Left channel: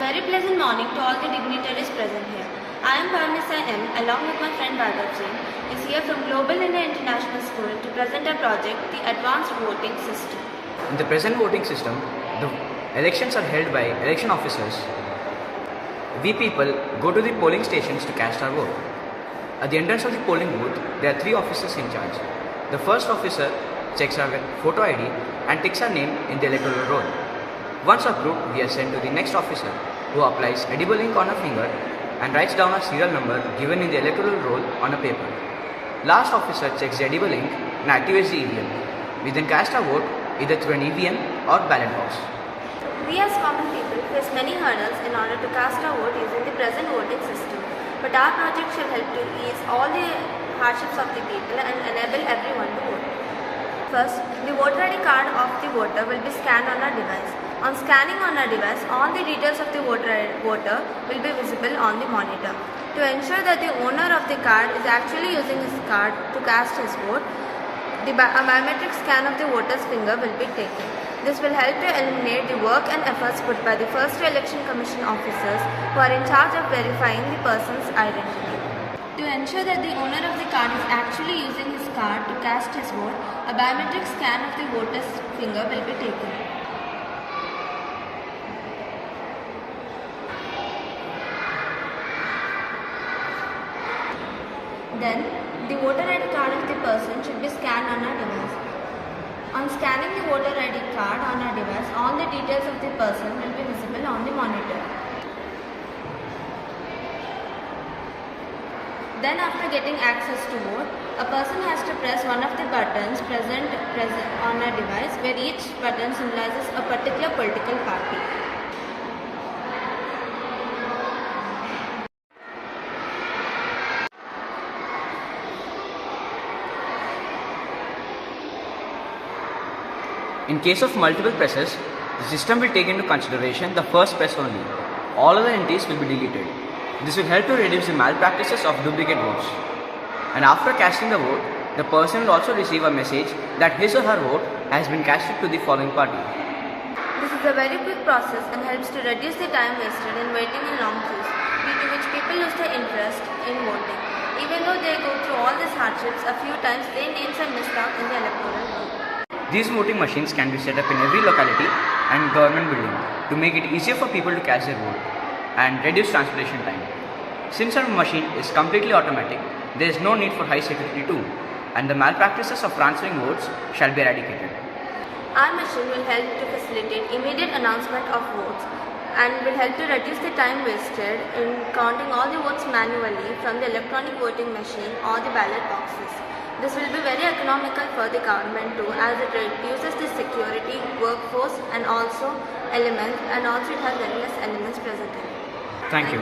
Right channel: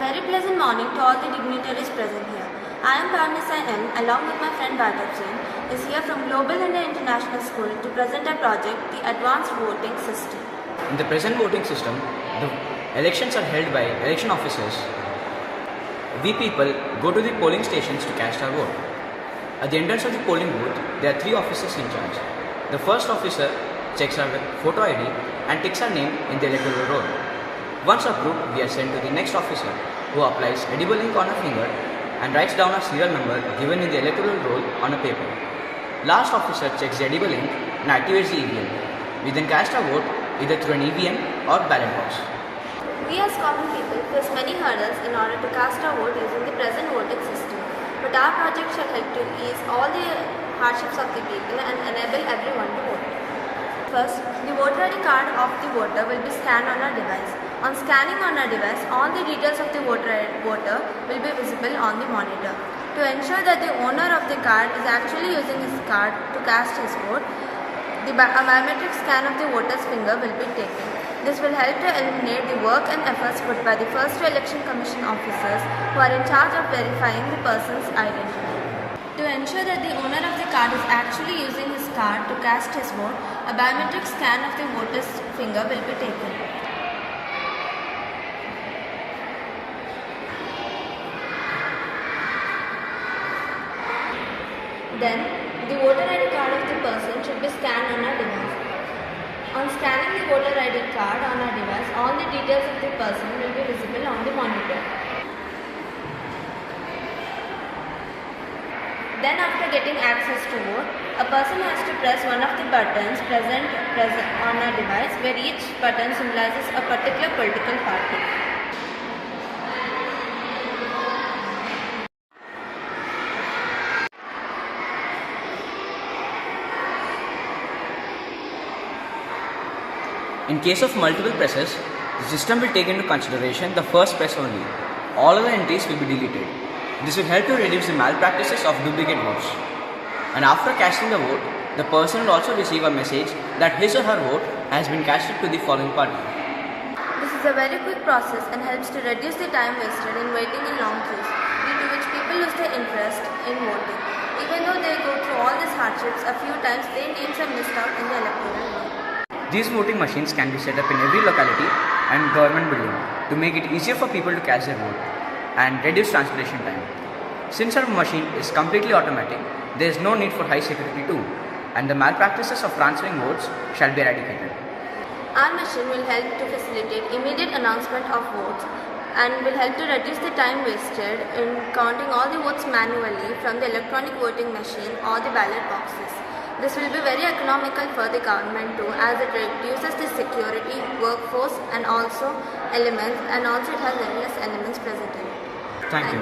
Very pleasant morning to all the dignitaries present here. I am Parmisa M. along with my friend Bhagat Singh is here from Global India International School to present a project, the Advanced Voting System. In the present voting system, the elections are held by election officers. We people go to the polling stations to cast our vote. At the entrance of the polling booth, there are 3 officers in charge. The first officer checks our photo ID and ticks our name in the electoral roll. Once approved, we are sent to the next officer who applies edible ink on a finger and writes down a serial number given in the electoral roll on a paper. Last officer checks the edible ink and activates the EVM. We then cast our vote either through an EVM or ballot box. We as common people face many hurdles in order to cast our vote using the present voting system. But our project shall help to ease all the hardships of the people and enable everyone to vote. First, the voter ID card of the voter will be scanned on our device. On scanning on our device, all the details of the voter will be visible on the monitor. To ensure that the owner of the card is actually using his card to cast his vote, a biometric scan of the voter's finger will be taken. This will help to eliminate the work and efforts put by the First Election Commission officers who are in charge of verifying the person's identity. To ensure that the owner of the card is actually using his card to cast his vote, a biometric scan of the voter's finger will be taken. Then, the voter ID card of the person should be scanned on our device. On scanning the voter ID card on our device, all the details of the person will be visible on the monitor. Then after getting access to vote, a person has to press one of the buttons present on our device where each button symbolizes a particular political party. In case of multiple presses, the system will take into consideration the first press only. All other entries will be deleted. This will help to reduce the malpractices of duplicate votes. And after casting the vote, the person will also receive a message that his or her vote has been casted to the following party. This is a very quick process and helps to reduce the time wasted in waiting in long queues, due to which people lose their interest in voting. Even though they go through all these hardships, a few times their names are missed out in the electoral roll. These voting machines can be set up in every locality and government building to make it easier for people to cast their vote and reduce translation time. Since our machine is completely automatic, there is no need for high security too, and the malpractices of transferring votes shall be eradicated. Our machine will help to facilitate immediate announcement of votes and will help to reduce the time wasted in counting all the votes manually from the electronic voting machine or the ballot boxes. This will be very economical for the government too, as it reduces the security, workforce and also it has very less elements present in it. Thank you.